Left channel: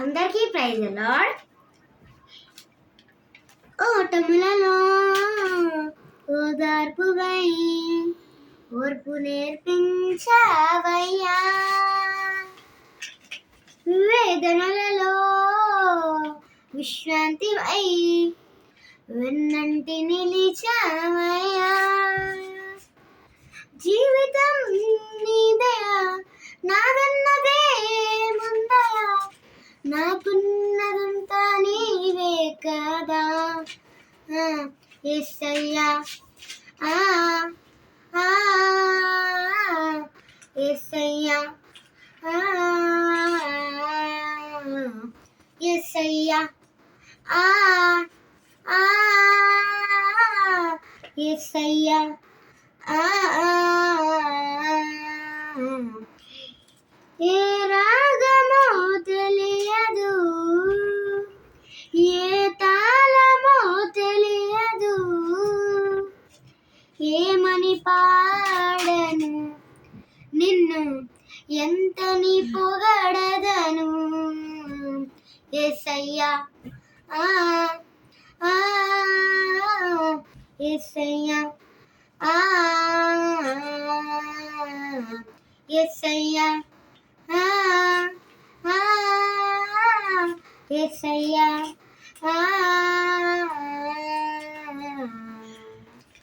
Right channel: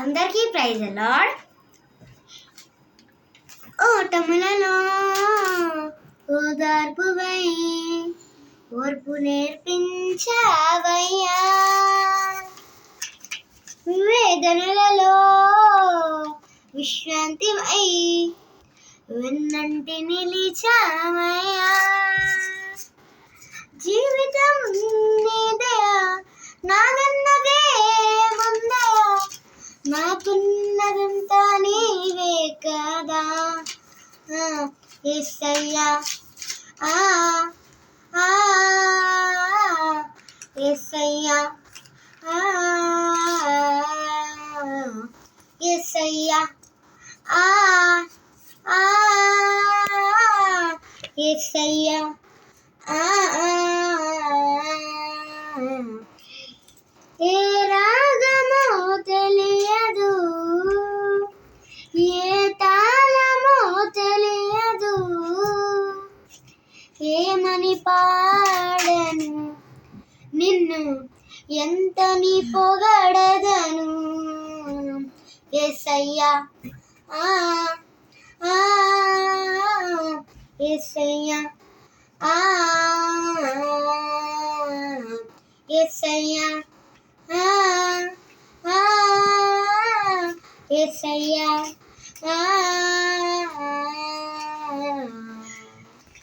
అందరికీ praise the lord. ఓటములలో ఓదార్పువై ఓర్పు నేర్పించావయ్యా, వేదనలలో విశ్రాంతివై వెన్నంటి నిలిచావయ్యా. జీవితం నీదయా, నాదన్నదే ముందయా, నాకున్నదంతా నీవే కదా యేసయ్యా. యేసయ్యా, యేసయ్యా, యేసయ్యా. ఏ రాగమో తెలియదు, ఏ తాళమో తెలియదు, ఏమని పాడను నిన్ను ఎంతని పొగడదను. యేసయ్యా, యేసయ్యా, యేసయ్యా, యేసయ్యా.